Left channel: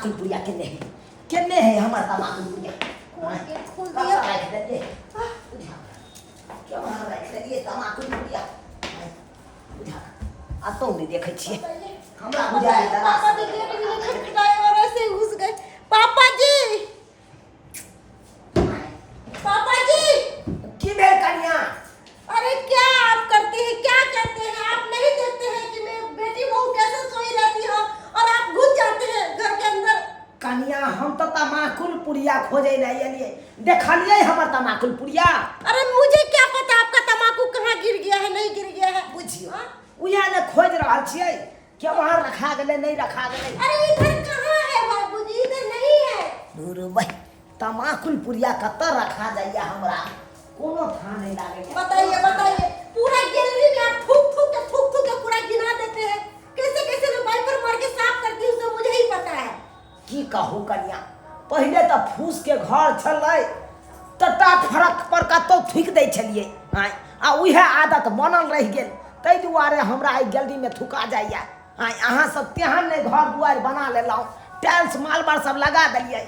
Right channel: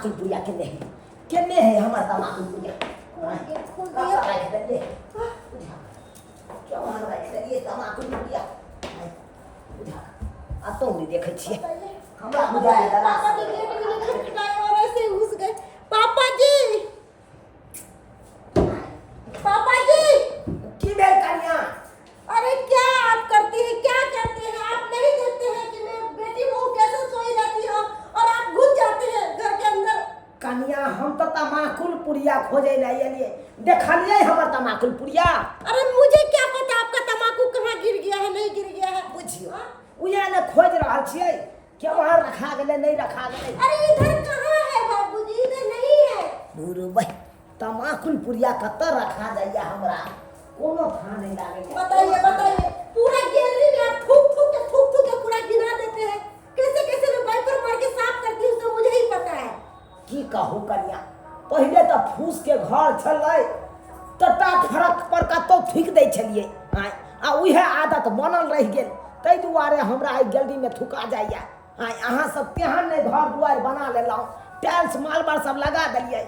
तमाकुल पुड़िया केने है हमार तमाकुल पुड़िया क्या वहाँ रख दिए तमाकुल पुड़िया आ तो नहीं देखे छिए हमरा बुझाए पापा जी गेट भी नहीं खटखटाए और ऐसे ही घुस गए। पापा जी की भेल कन्या अरे क्या आप करते हैं, क्या करते हैं? आप नहीं देखते हैं कि मैं बेटी बहू कैसे सोई रहती हो और आप घुस जाते हैं घर के अंदर। कन्या हम तो तमाकुल पुड़िया खोजे नहीं लिए देखलिए हमर तमाकुल पुड़िया। अरे मुझे क्या पता आपका तमाकू कहाँ गिर गया है नहीं गिर गया है। बुझियो उया ने खोज रहल छिए क्या वहाँ रखा गेले नहीं रखा गेले। अरे इधर कहाँ है बाबूजी, इधर नहीं है। दूर भाई तमाकुल पुड़िया कत रखा जाइए हमरा कोनो था नहीं लागे। बताइए बताइए, पूरा गैलरी में आप थूक थूक के पूरा गिना देते हैं। कैसे कैसे मैं वाइपर मार के साफ करती हूँ तो मुझे ही पता है। की कहूँ कन्या पहले तो फूस के घर छलै टटा फरक पर कतो थूक दै छलिए आ उहे आदत बनल रह गेल तै दुआरे हमरा आई गैलरी में थुका जाइए। अहाँ सब तेहन नहीं घर दुआर बना लेलहुँ टाइल्स मालबार सब लगा दिलिए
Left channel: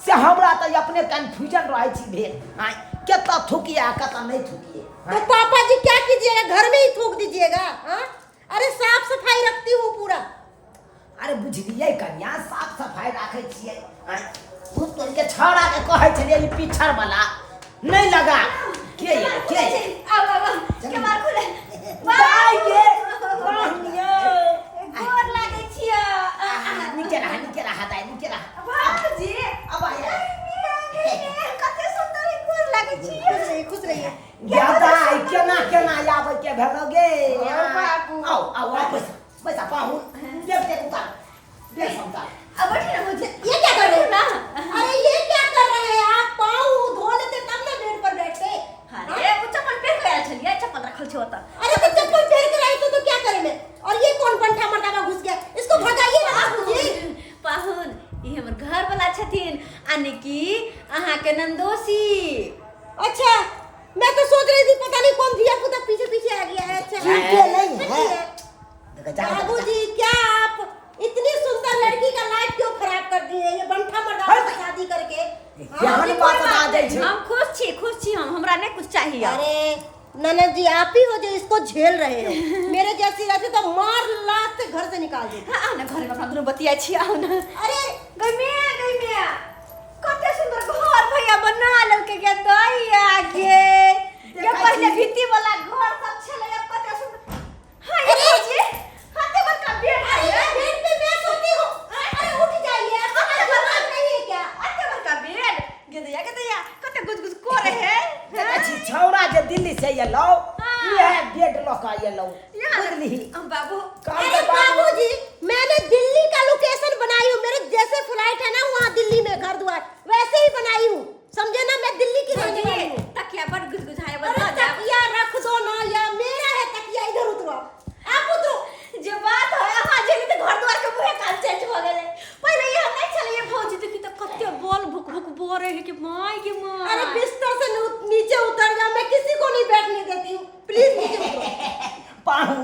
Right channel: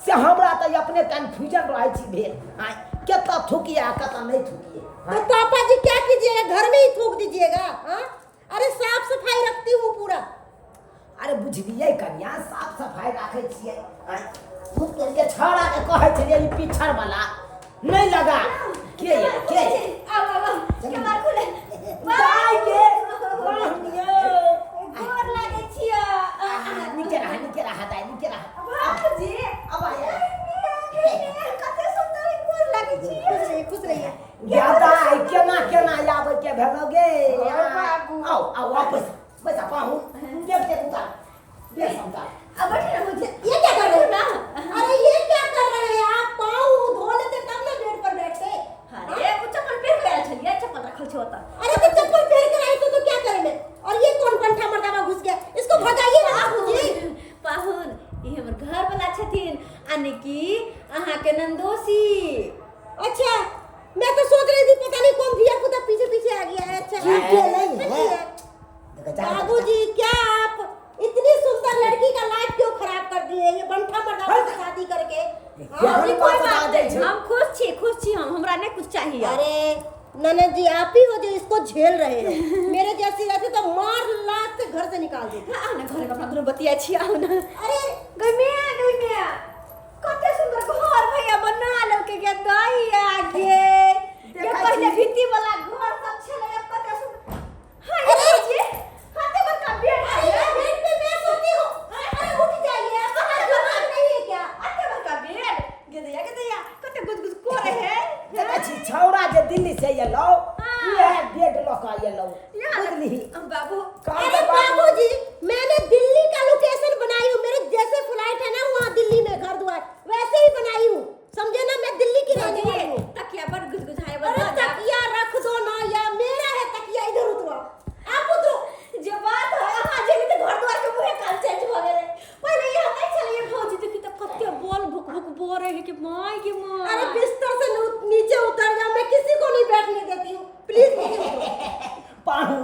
से हमरा तो अपने कन्फ्यूजन रहे छी भेल केता थूकिए केता नहीं थूकिए। तो पापा जी क्या कीजिएगा, घर में ही थूक दीजिएगा। हाँ अरे साफ सफाई रखती हूँ पूरा। अरे बुझलिए कन्या साफ सफाई रखे छिए भूत तोड़ के छौड़ा के कहे छलिए ई पिछड़ वाला नहीं लगा के आओ के मार खुले दाई के कहनिए गोर लागे छिया नीचे रहा दाई नीचे रहा बाबूजी अब आया कते सुंदर गोर लागे छिया। खुश रहिए। ज्यादा केना आवे के भेलोगे बाबू। आओ वापस बस पाहू देख उतार देख उतार अब बैठे ना मुझे ये क्या कर रहे हैं? अरे ये क्या कर रहे हैं आप? पाँव धो लेते तब ना बेड पर बैठते। अरे वो चप्पल पहन के आयल छलिए, चप्पल रखल छ ओता। अरे तो चप्पल पहन कर आई तो क्या करें मैं? और ये कौन पंठा मर्दावा घुस गया? इसको भगाइए ना बाबूजी। पाहुन ई हमर घर वाला छथिन आने की अहाँ के नंदोसी। अच्छा मैं तो सोच रही थी पता नहीं कौन धिया पुता पीछे पीछे आ गया है। अच्छा ठीक नहीं है बाबूजी क्या आप इतनी सुंदर लड़की का लाइफ क्यों खराब कर दिए? ये बंठा मर्दावा से शादी करके। यहाँ जी, बात कोई बता बात दे नहीं, हम खुश छी हम, हमरा नहीं कुछ चाहिए। अरे ननद जी आप ही हो जो इसको झेल रहे हो। मेरे जैसी रहती तो मार लात से घर से निकाल देती। आओ ना घर में अपना दुनू बतिया छी। आओ ना। अरे गई में कते सुंदर घर भैया बना ललके के दई आगे ये पहले भित्ती वाला घर सब छले कते सुंदर। हां ये भौजी हाथे पर का बेड है। बेड पे मैं सोती हूँ। अरे उठ जाइए, आपका दिमाग नहीं है क्या? हाथे पर का बेड गदया कते गुजगुज करे है। अच्छी छौड़ा जे दिल्ली से ये लो ये बेड लका ये लो बुझली बाबू अरे बाबूजी मैंने दिल्ली का लोकेशन बनाई हूँ। मेरे जैसे फ्लाइट है ना वहाँ दिल्ली में घर द्वार वैसे ही बनाई हूँ। समझे ना, मैं दिल्ली की रहने वाली हूँ। तकिया पर गुजगुजाए अरे बता जा। तकिया रख दो ना, या मेरा है तकिया। इधर उतरो आप उतरो। जो बात है हां जेली तो घर द्वार के मुहे काल चेंज हो गेले। पहले ये नहीं चले ये भौजी देखी तो कते बॉल भुक भुक बोरे है कि माय के माय। अरे बिस्तर से नीचे उतर जा, मैं किसी को नहीं बैठने देती हूँ। प्लीज नीचे उतरो। पाहुन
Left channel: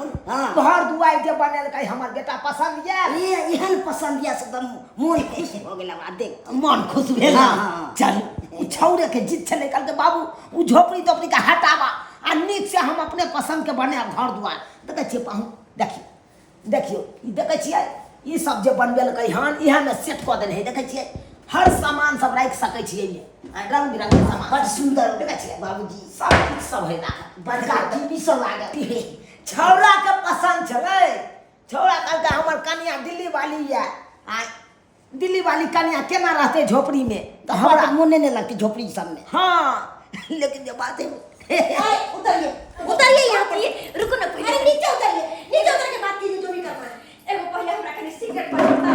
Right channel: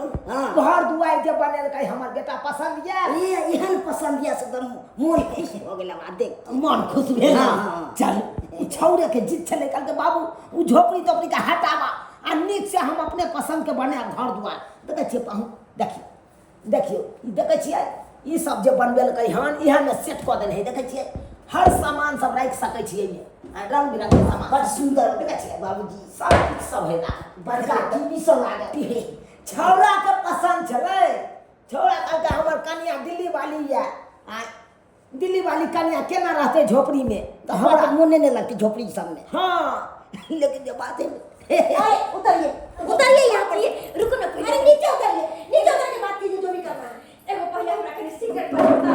घर दुआर जे बनल कई हमर बेटा पसंद ये एहन पसंद या से एकदम मन खुश हो गेल हमरा देख मन खुश भेल। हाँ। चल उ छौरे के जिद छले कल के बाबू उ झोपड़ी तोपड़ी का हटावा आ नीक से हम अपने पसंद के बने घर दुआर देखे छिए। पाहुन देखियो ई देखे छिए ई सब जे बनबेल कई हन इहा में सेट क देने है। देखे छिए हर सामान सब राख सकै छिए ये रंग बिरंग के सामान बड़ सुंदर देखे छिए बाबूजी सब कुछ सब है ना बड़का टीवी सब लागल। छौड़ा के पसंद छलै। छौड़ा कल के हमर कन्या दिल्ली वाली है दिल्ली वाली कन्या केना रहते झोपड़ी में तो हमरा हमरा मोने नहीं लगती झोपड़ी सब में। हाँ लेकिन जो बात है अरे उतरिए उतरिए यहाँ पर। रुको ना पहले अरे नीचे उतरिए, नीचे उतर के बात कीजिए जो भी करना है। एगो पहले हमरा के सिगरेट पड़ता।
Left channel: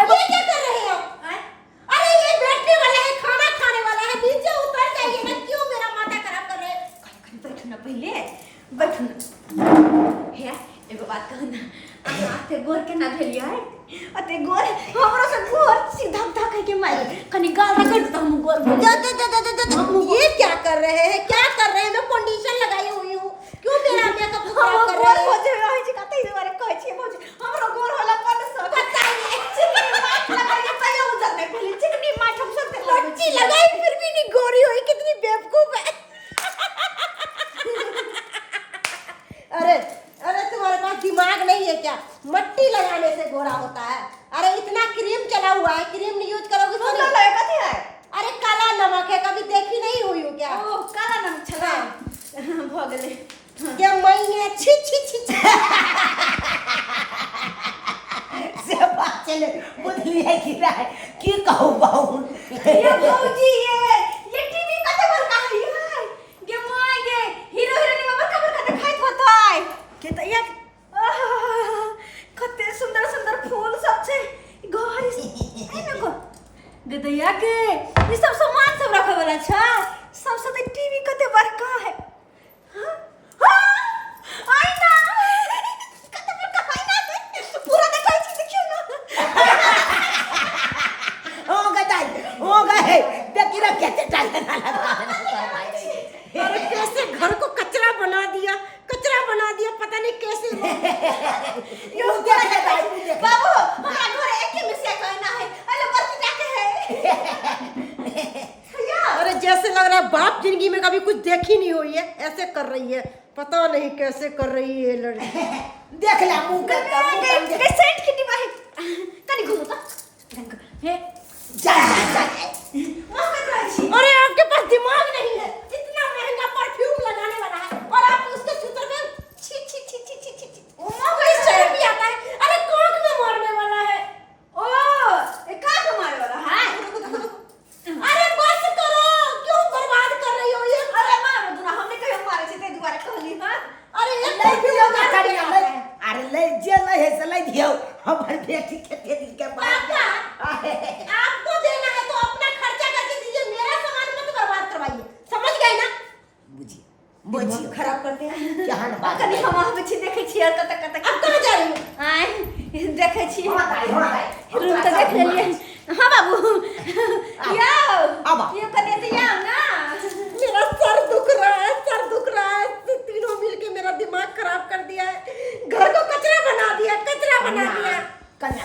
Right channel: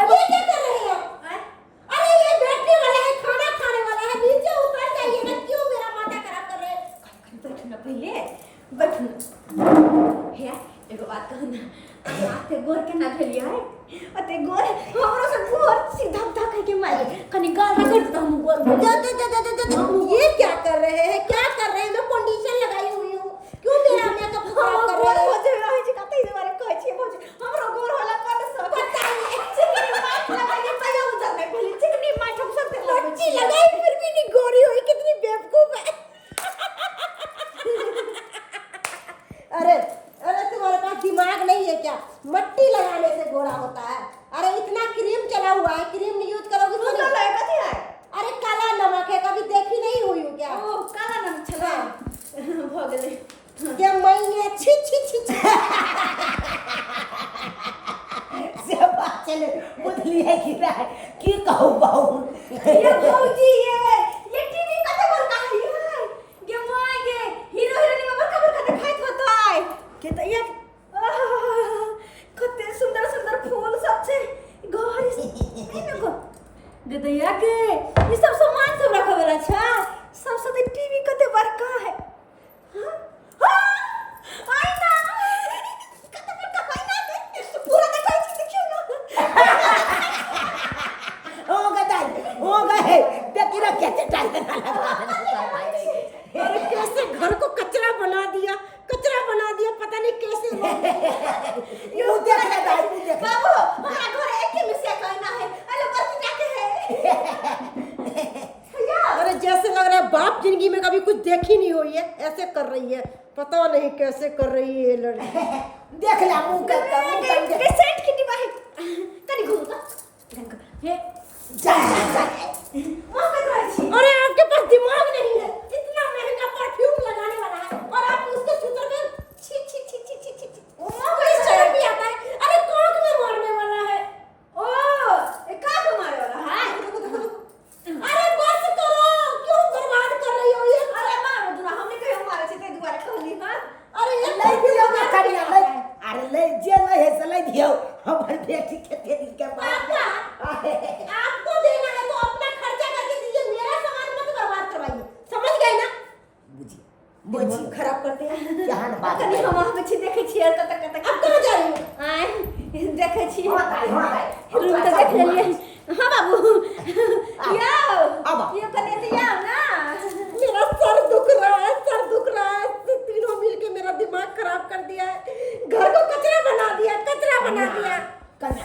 अब ये क्या कर रहे हैं आप? अरे ये बैठने वाला है, खाना खाने वाला है। नीचे उतर जाइए ना, क्यों मेरा माथा खराब कर रहे हैं? बैठो ना पहले बैठो ना। हे एगो बात कह ना आते गोर के ना भेलिया है अते गोर हमरो से गोर सीधा धक के मार कनी गाल रगड़ दे हम गोर ये क्या कर रहे हैं, क्या कर रहे हैं? मैं कंडीशन लगाई हुई हूँ, क्यों मेरा मेकअप खराब कर रहे हैं? गोर हो जे रही छी कतई दुआरे कहै छी भौजी हमरो गोर होला पर सब बताइए चले बुझली है कि रहे की कहू बहु ये भौजी ये टीवी कते बड़का है गे माय गे हीरो हीरोइन में बड़का दिखाई होता है के त या कते सुंदर सुंदर फूल सब छे घर है ना को गदैया के ये सब सामान सब रखा वाला छा सब सब टीवी कते बड़का है हां हां आईना कते बड़का आईना के पूरा दिखाई छी देखियो ना हो गए देखी रे कैसे टाइम ना लगा अरे कैसे घर को कचरा बना दिया पता नहीं कैसे यो बाबू हमारा घर एक ही में से कहना है अरे बस जाके है अरे जैसे लग रहा है बाप जिंदगी में कभी कुछ देखी नहीं हुई है, ऐसे कर रही है, पता नहीं कैसे कर रही है लड़की। देख ले मुंह के सेट की डिब्बा है कनी घुमो तो हे जा मां कर रही छी अरे आपके पास दिमाग नहीं है, इतना महंगा परफ्यूम लगाने वाला है और आप उसके सूत्र में छी छी छी छी छी छी ओ किस तरह भी आता है। अरे कौन में मारने वाला है? ओ ए का को मारे वाला है अरे बस करो, क्यों बर्बाद कर रही हो ये? अरे मारो दूना हमने कहियो मारे छे ते दुआरे कहली हां अरे ये ले दियो ना करी अरे ले जे ले है से ले दियो हमर बेटी के दे दी के बात आपको देना है तो अपना खर्चा करके दीजिए, मेरा सामान मत बर्बाद करवाइए, समझ गए ना? बुझिए खराब करते हैं क्या ना बात कनी हम वहां पे छी देखे छी और कत अब कहाँ जा रही हो? आए देखे छी हो रूम तो देख लेलिए हां बाबू याओ अब ये कने तो याओ ना मेरा सर दुख रहा है, तीनों मिलके मेरा दिमाग खराब कर दिया है, घर को कचरा बना दिया। कन्या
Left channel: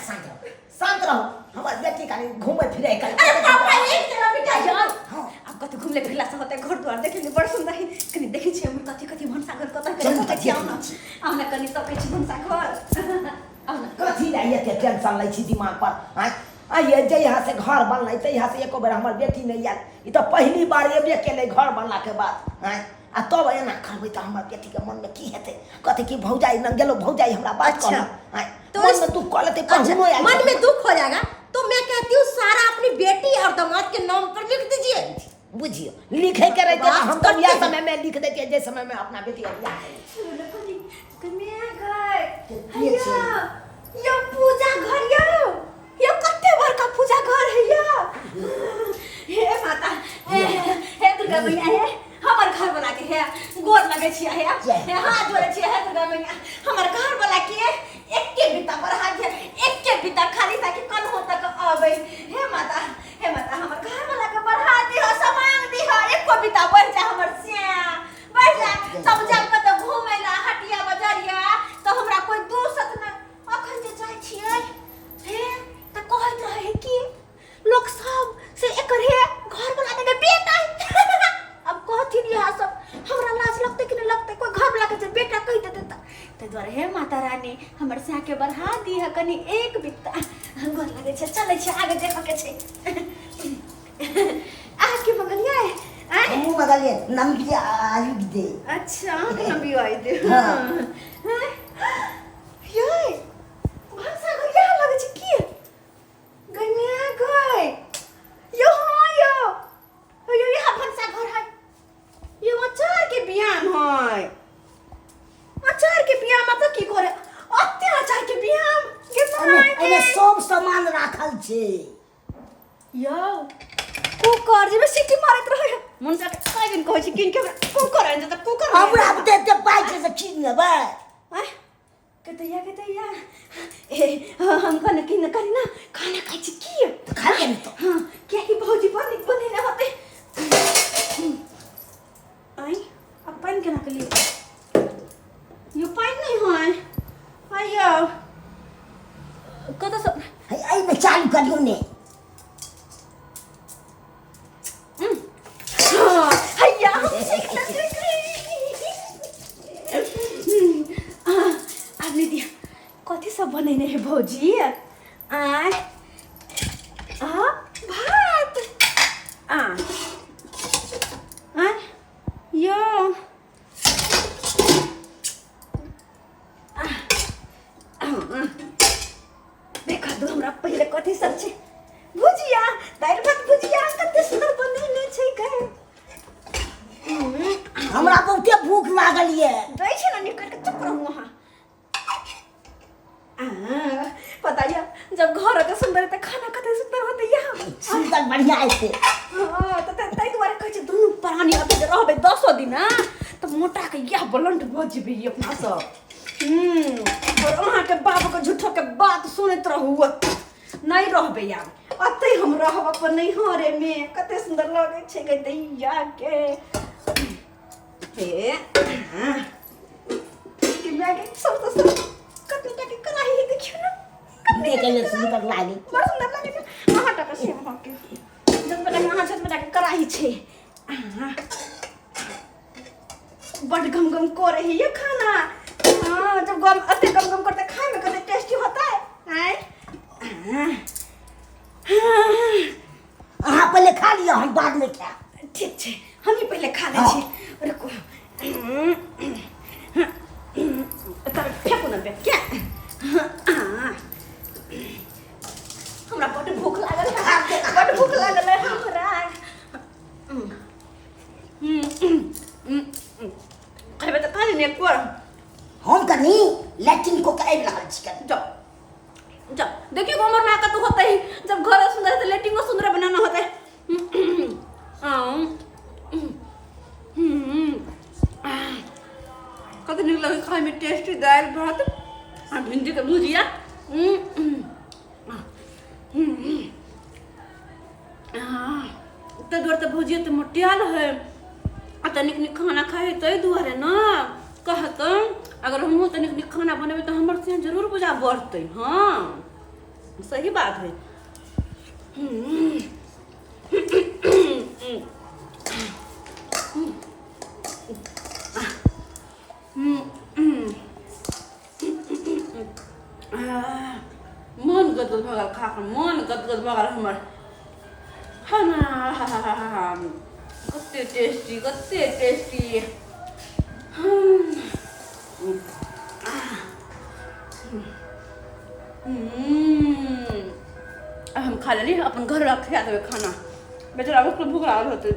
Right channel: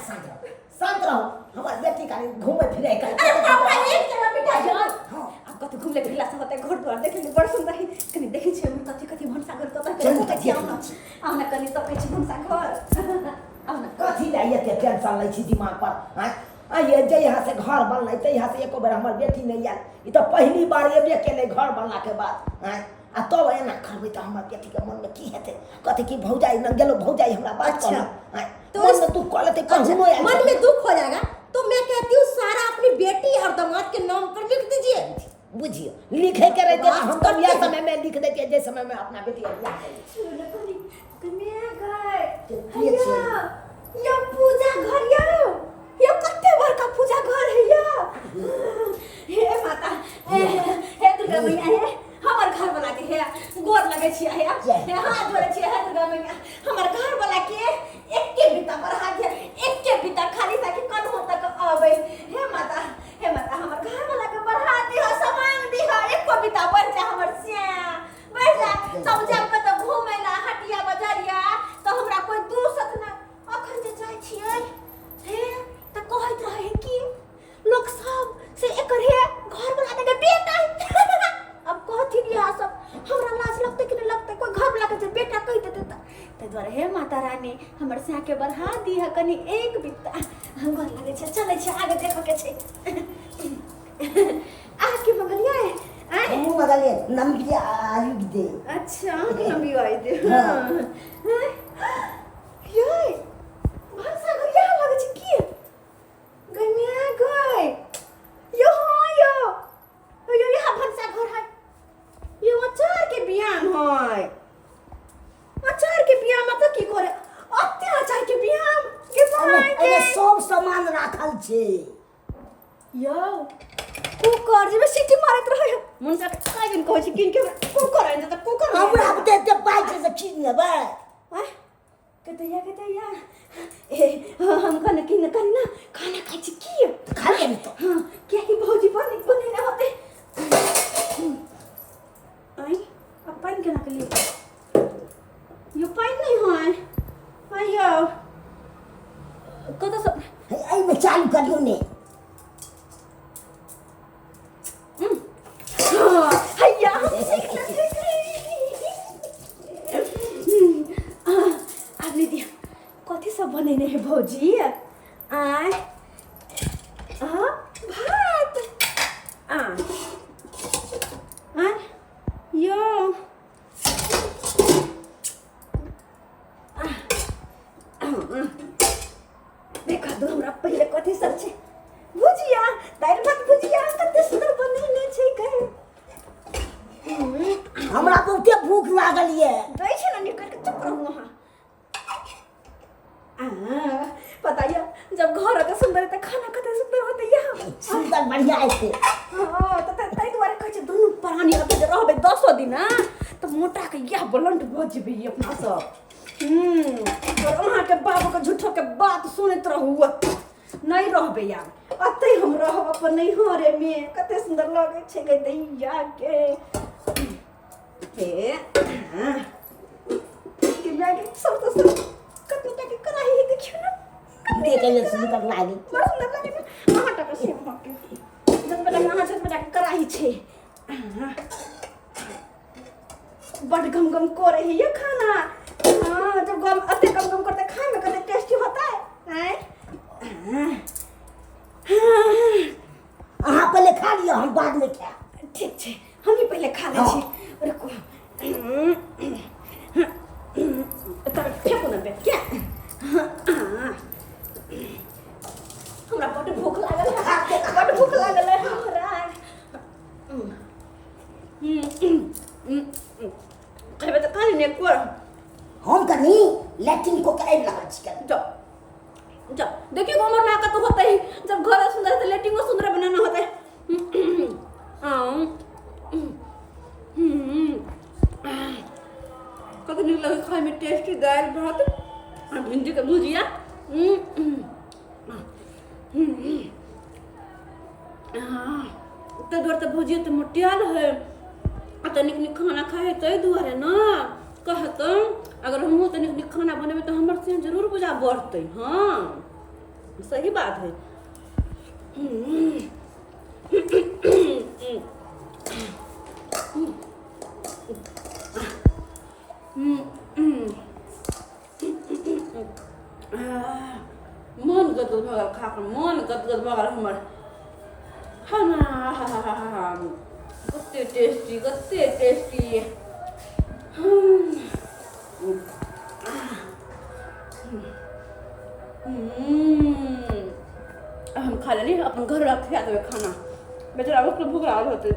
शांत रहो हमर बेटी का घूमे फिरे कर अरे पापा एक जगह बिठा जाओ। हां अब कत घुमले फिरला से होते घर द्वार देखे ले बड़ सुंदर है कनी देखै छी हम कथि कथि भनसा घर कत चल, कर छी चल, आउना कनी तो कहै छी भनसा घर आउना कथी ला ये के टेंशन लै छी दिमाग पर आ ये जे यहाँ से घर बनलै त यहाँ से एको बेर हमर बेटी नहीं आयल, ई तो पहली बार एबे केले घर बनला के बाद आ तब एना करबै त हमर बेटी के मन में की हेतै, कथि की भौजाई न गेलो भौजाई हमरा बात अच्छा, तो मन में दुख कलते कहनो आयल मन में दुख हो जाएगा तो मैं कहती हूँ सारा अपनी बेटी और दामाद के नाम पर लिख दीजिए। बुझियो लिखे के रहते बात हम तो करते यह हैं। समय में लिख देते जे समय में अपना बेटी और बियाह करी कन्या घर के छै? यो पूजा घर यो कते बड़का पूजा घर है यो हे माता हे दुर्गा मैया हे हमर घर बना के हे गोर लगे छी हे हाथ जोड़े छी हे दुर्गा मैया हमर घर बना के एके बिता बढ़ा दे एके बिता खाली ताकि कल हो तक आवे हे माता हमर घर बना के बढ़ा दे हो सामान दे हो एको बिता बढ़ जा हमर सिया बढ़ जा सब जब कत घूमे ला हटिया बाजारिया तो हमरा कोई दूसत ना अखन जे जाय छियै हे त कहत रहे कि लोग सब से एकर हे घर बना दे बेटा अब कहथि यह सब हमरा लाज लगते कि नहीं लगते कोई घर बना के जे बेटा कह देते त द्वारे हे माता रानी हमर से के बढ़ा दी है कनी एक बित्ता गोर लगे छै चले छै आगे देखो के छै आ के मंगलिया है हमू मगले नमकी आलू दे। अच्छा नबी आई दे हाँ। हां ये भाषा को क्या लगे छै की गन्या गय यो यहाँ भंसा घर है ये अचार के बियान है अचार के बियान मतलब की करे अत्याचार के बियान के बनाए एने सब सामान राखल छे। यो कुकर जे में सीटी मारत रहे मुनसा के काई दिन कहै छी किन के कुकर आइन त कुकर हमरा बते ते पाइ छे से किन लेबै। कतैया ए हम कने किन करी ना खाना खाइ छी की खा ले तो हां क्या की भौजी बने ना होते आई अब पानी केना के लिए यो पानी नहीं है आयो कत सब आई में चालू करियो ने। हैया आने दिया कथी सब बनेने है भौजी आय भात यो देखो दो हमरा पहले कथी सब छै भुजिया दाल भात भुजिया कते सुंदर बनैले छै गए हमरा बहुते भूख लागल ये। दै छै ना निकल के चुप रहू वहां पता या जब घर के सुंदर त खाना कते सुंदर होते यहाँ सुंदर बढ़िया ऐसे। हां त तै दुआरे कहै छै दुनु प्राणी अते रहबे 10 दिन ना त मोटा के यह ब्लंट भ जेबे अपना सब। और वहां के बाबू के झूठो के बात सुनत रहू नहीं रहबे यार अते हम रहब अपन नहीं हो रे में कते सुंदर लगे छै गे दैया के हे कि मैंने सब कते टके कराही देखियो ना देखे में सुंदर लागी। बड़ सुंदर लागे छै अहाँ टके से वहां के जब बेटा अहाँ से बेटा के कराही छै बड़ गम गम को रही है खाना। हां जब गम अते गम गम करते खाए में कते टेस्टी होता है हैं अहाँ पहले खा लियो हम बाद में खा। ठीक छै हम ही पहले खा ले छी रुको तर फेंकू ना बे क्या हमरा बड़ भूख लागल है बड़ भूख लागल है हमरा अरे तो खा लेने एक बार हम कनी लैट्रिन को कराई लागल छी कर। जब देखिए हमर ना का तो होता ही जब घर सुंदर है तो लेटिंग सुंदर बनाना होता है। कत निक लगे खाए में टेस्टी दाल भात और भिंडी का भुजिया तो दूर तो भुजिया तो मोटियाल है तनिक निक खाना खाए तो दुआरे ना कहत अगर हम तनिक निक खाना बनेबे तो हमर से जरूर बुझा बढ़ते। हाँ सही बात है। मन गदगद भगल खा कर मन गदगद भगल हमर खाना कते टेस्टी हम खा लेली अपन घर रख खा देवे खाना बेचारा उसको भूख लागल होते।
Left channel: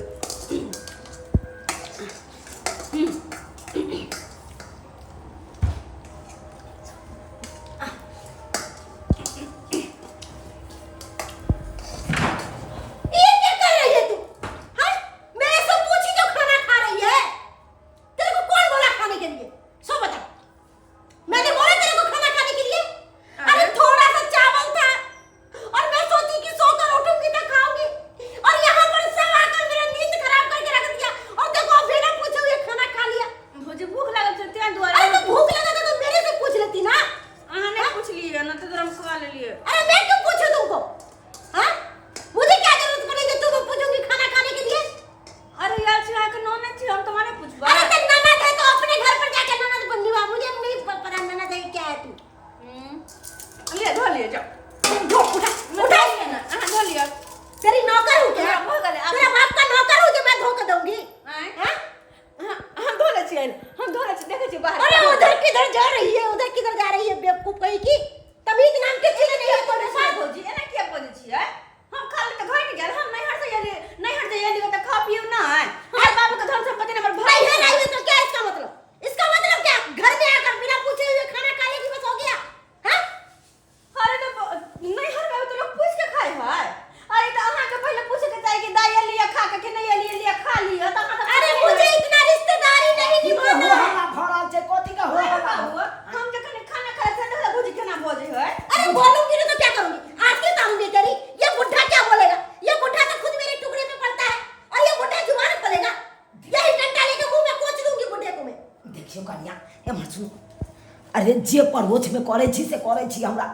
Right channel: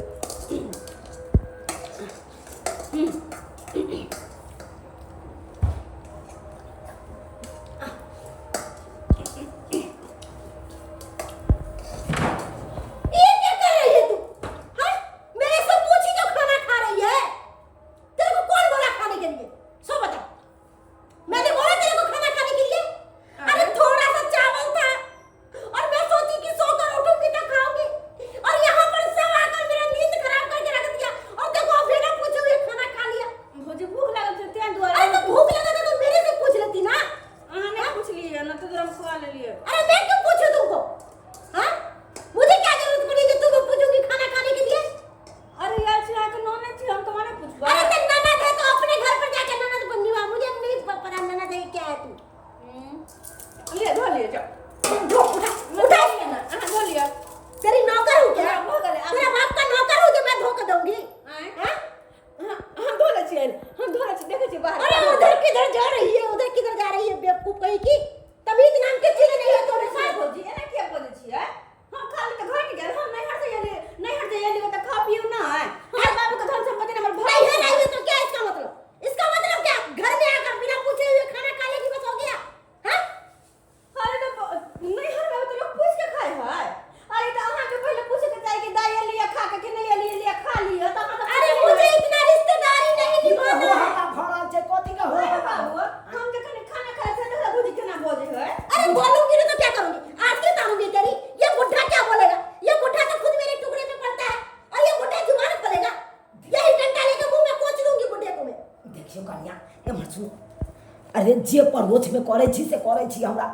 अरे जे परोछ में करे छी से करे छी हमरा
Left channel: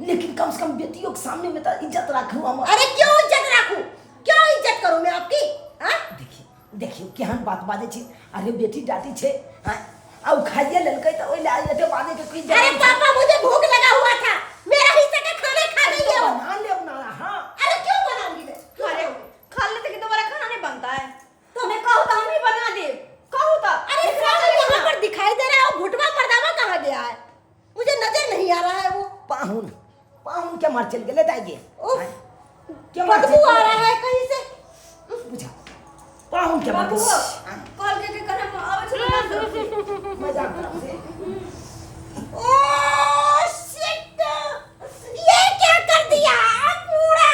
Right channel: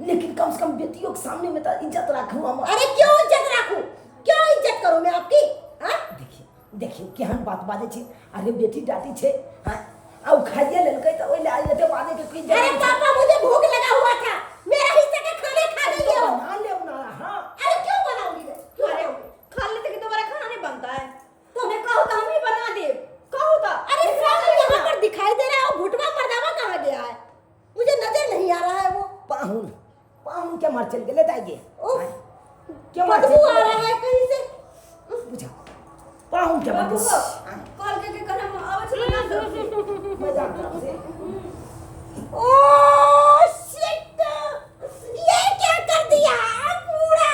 लेकिन कम से कम बेटियों के सामने में तो इज्जत रखूं हम। अरे क्यों इज्जत रखूं क्यों इज्जत करूं मैं आपकी देखिए देखिए केहन बात बाजे छी। अरे बेटी डाटी छे आउ खाइए ललकै तो ओइला एते बाजे के कोई। अरे पापा मुझे भूख लगा हुआ था मेरा हिस्सा का खाना खा गई है बना ले ना। हां अरे क्यों बनाऊंगी मैं अरे खा लेते कि दोबारा खाना नहीं बनता है तो मैं कहूं तो हम ही बना दे कहूं तो। अरे सब यहां पर दिखाई दे रहा है वो भुटवा मर्दावा कहां गया है मुझे नजर नहीं आ रहा है वो। पाहुन पाहुन पाहुन के मर चल गेले दाइगे के मर बदबू आ रहा है कहीं से। बुझा पाहुन के मर बाबू कॉल के करम आवे छलो ना मजाक तरफ से ओह शिट, ये क्या कर दिया पूरा।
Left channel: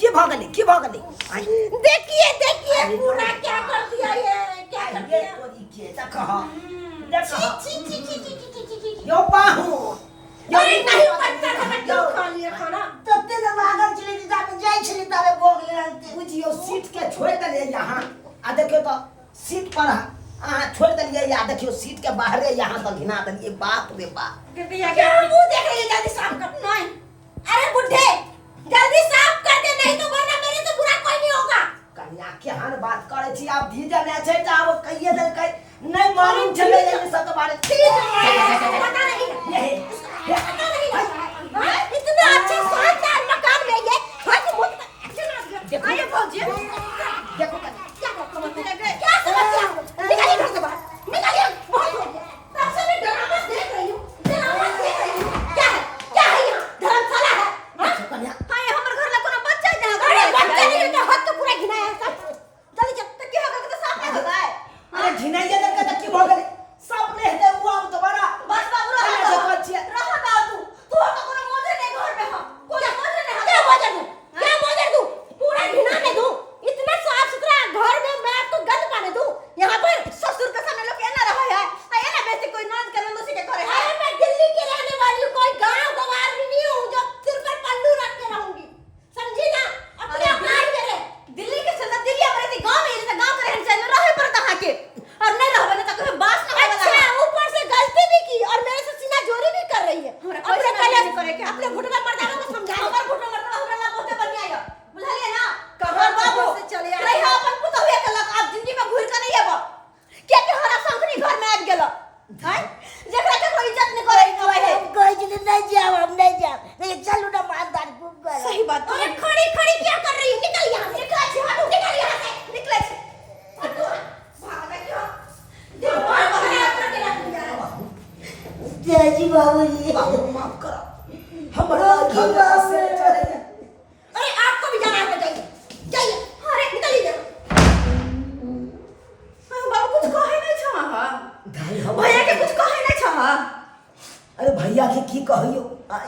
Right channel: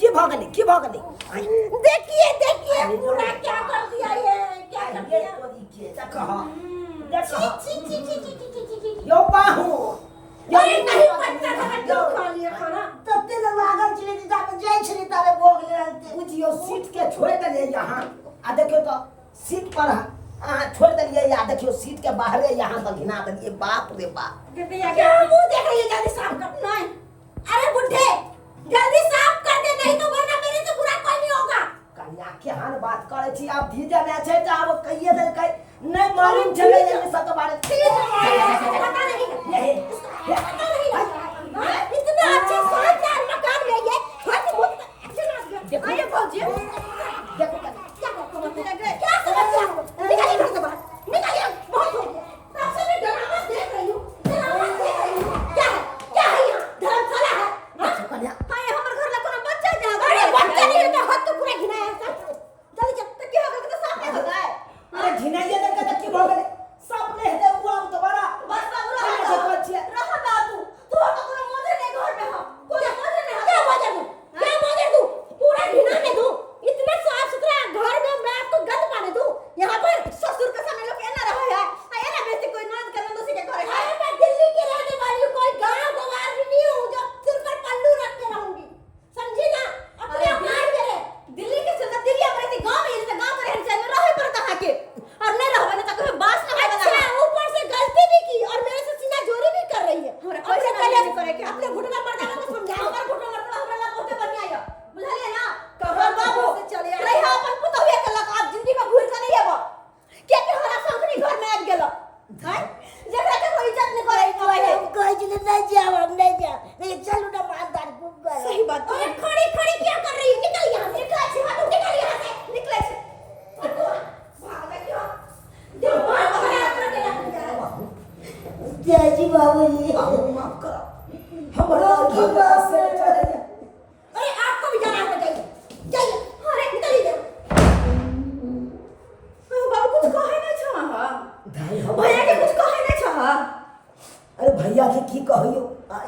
के भागले देखिए देखिए पूरा क्या कर दिया, ये क्या कर दिया। तोरी के देखा देखा छी छी छी छी छी छी छी। यो पाहु अरे नहीं पत्ता था क्यों खा लिया खाना। तत्ते जब आगन चली जाते जाई छली तबे भोग ले रहते बुझियो सीट के छोड़ दलिए यहाँ आ देखियो तो सीट पर छोड़ दलिए या देखियो सीट के बाहरे यहाँ तो घिना दलिए बाप रे बाप क्या मुंह देख रही है, जल्दी साफ कर। नहीं अरे बुड्ढे जल्दी साफ कर दे, नहीं तो वरना मेरे से बुरा कोई नहीं होगा। कन्या केहन बात करे छी आप धीरे ने छै त आब कहिए दे कहि नहीं मालूम चले ये सब के बारे पता नहीं पता नहीं इतना अच्छा शानदार मकान में ये हाथ मुंह देखो ये भौजी देखो क्या क्या समस्या है? निकालिए घर से बाहर, निकालिए। बहुत हो गया, तब से मैं ड्रामा देख रही हूँ, ड्रामा देख रही हूँ। क्या है यहाँ धर्मशाला है? हाँ? कन्या हां ये हमर घर ला कोनो बच्चा है जहां अरे बच्चा नहीं है तो हाथ तो पूरा घिनाया है सब। जल्दी चल। तो क्या होगा तो साफ नहीं होता है। अरे घिनाइए दे के की भगले सब ने हेते हुआ तो बड़ा बस बाबू कन्या देखो छिए रहा ना तू तो कोनो मौजे नहीं घर में हम कोई मौजे नहीं क्या मौजर दूँ? क्या मौजर दूँ? पूरा घिनाने दूँ? इतना साफ सुथरा घर में मैं आपको गंद पाने दूँ? यहाँ पर ससुर के सामने लोग एना रहा है आ एना बेसी कोई ननद के नंदोसी के करे है। अरे मैं दिल्ली की रहने वाली हूँ, कोई गाँव गवार भी नहीं हूँ जो सिर पर पल्लू रख के रहूंगी, समझी ना? अपने अपना ही मेरे दिल्ली के चलता दिल्ली हमारे थी गांव में जैसे गांव के रहन सहन में रहे पड़ता है के और नहीं रहबे ना तो कभी बास ना होवे अच्छा वाला। ऊपर से गलती भी की और मेरे से सीना जोरी भी कर रही है। हमरा कोई अपने से कन्या नहीं करे के अपने घुटना मर्दाना को समझाओ। हमर घुटना मरता हमरा ला बहुते बढ़िया है बुझलिए ना। कहाँ बाबू से चले आए? रही अपन पुतहुए के लक आप जिंदगी में घुर के नहीं आबो के हरा शंकरी घर में आ गेल हैं जेकरा के कोई इज्जत नहीं करे कोई हम कोई चले नहीं जाओ हम नहीं जाओ नहीं चलू ना मारदार खूब कर सही बात अरे खड़ी खड़ी क्या कर रही है? निकल यहाँ से, निकल से, हटो, निकल यहाँ से। निकले छे हटो, भाग गई क्यों? दिमाग खराब करके रख दिया। जय जी बाबूजी बाबू माफ करो हमरा घर से चले अरे आपको भी जाना है तो जाइए, जाइए। अरे निकलिए। बाबू कुछ कहे नहीं छा हां दाई हम भैया के कुछ कहे नहीं छा। अरे भैया के की कहियो आय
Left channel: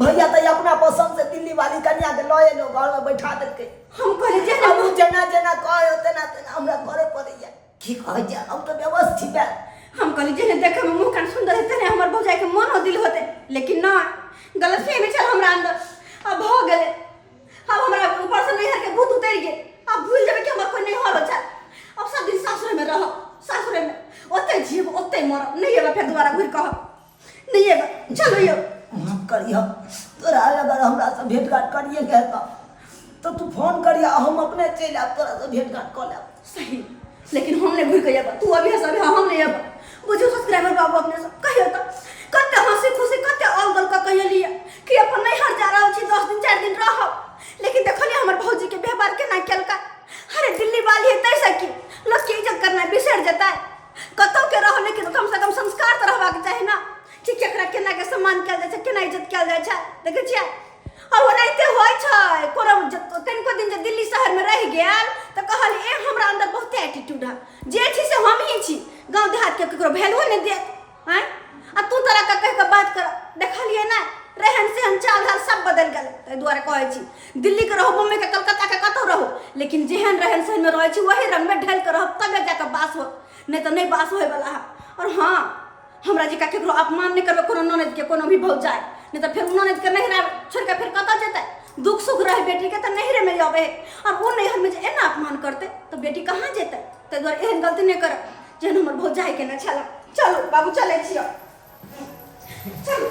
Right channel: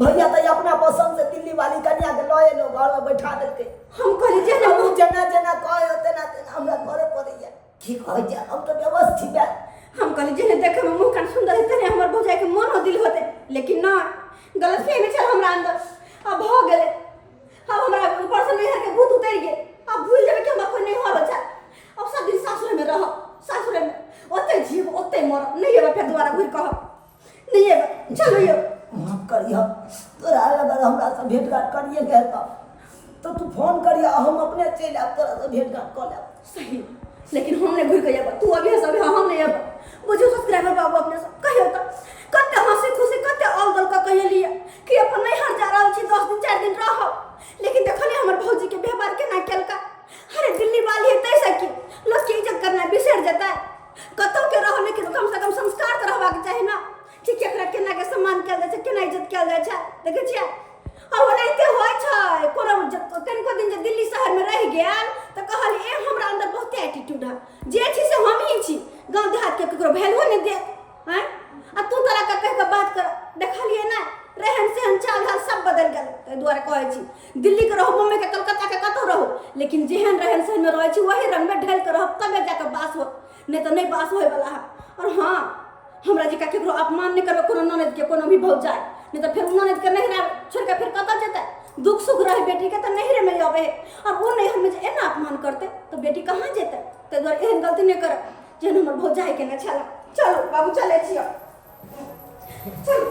भैया तो अपना पसंद से दिल्ली वाली कन्या के लए लो घर में बैठा देलके हम कहले जे ना हम जना जना कहे तेना तेना हमरा करे पड़ैया की कह जा हम तो व्यवस्थित है हम कहली जे देखे में मुंह कान सुंदर है तने हमर भौजाई के मन हो दिल होते लेकिन ना गलत फहमी चल हमरा अंदर अब हो गेले। अब हमरा ऊपर से नहीं के भूत उतर गए। अब भूल जाबे कि हमर कोई नहीं होलो चल अब सब दिन सासुर में रह सासुर में ओते जीव ओते मर नहीं एबे फिर दोबारा घुर कह नहीं एबे चलो यो माफ करियो तोरा अगर हमरा से भेंट घाट करिए के तो तू फोन करिया हम अपने चल आब तोरा से भेंट घाट कर लेब सही लेकिन हमने घुर के जाबा तू अभी सब हम नहीं आबा बुझो सब्सक्राइबर बाबू अपने से कहियो तो कते हंसी खुशी कते अलगल का कहिए लिया कि अपन नहीं हर जा रहल छी 10 दिन 4 दिन रह लेकिन देखलिए हमर भौजी के व्यवहार केना केलका। अरे दिल्ली वाली है तैसे की लोग की इज्जत करना बिसर जाता है कतो के रहो लेकिन कम से कम संस्कार तो रहबा के चाही ना कि केकरा केना के सम्मान कैल जाय छै केना इज्जत कैल जाय छै देखे छियै। और ओनाइते होय छै कोनो कनिको दिन जे दिल्ली शहर में रह गेल त कहली ए हमरा अंदर बहुत एटीट्यूड है जे छी से हम ही छी गांव देहात के केकरो वैल्यू नहीं दे हैं आ तू तोरा का कह के बात कर देखलिए ना रहन सहन चाल ढाल सब बदल गेल तै दुआरे कहै छी दिल्ली के रहो बम्बई के कलकत्ता के कतौ रहो लेकिन जेहन रहन सहन में रहै छी वही रंग में ढल के रहो तबे जाके बास हो नहीं तो नहीं बास होय वाला है। और हां हमरा जी का केकरो अपमान नहीं करबे कोनो ननद के कोनो भी भौजाई नहीं तो फिर ननद के नहिरा छोड़ के फिर कतौ जेतै दुख सुख रहे बेटी के तो नहिरे में जाबे और वो नैहर में जे एना अपमान करते तो बेटी कहाँ जेतै तै दुआरे एहन गलती नहीं करब जेहन हमर भौजाई के न छला। चलो बाबू चले छियो चलो।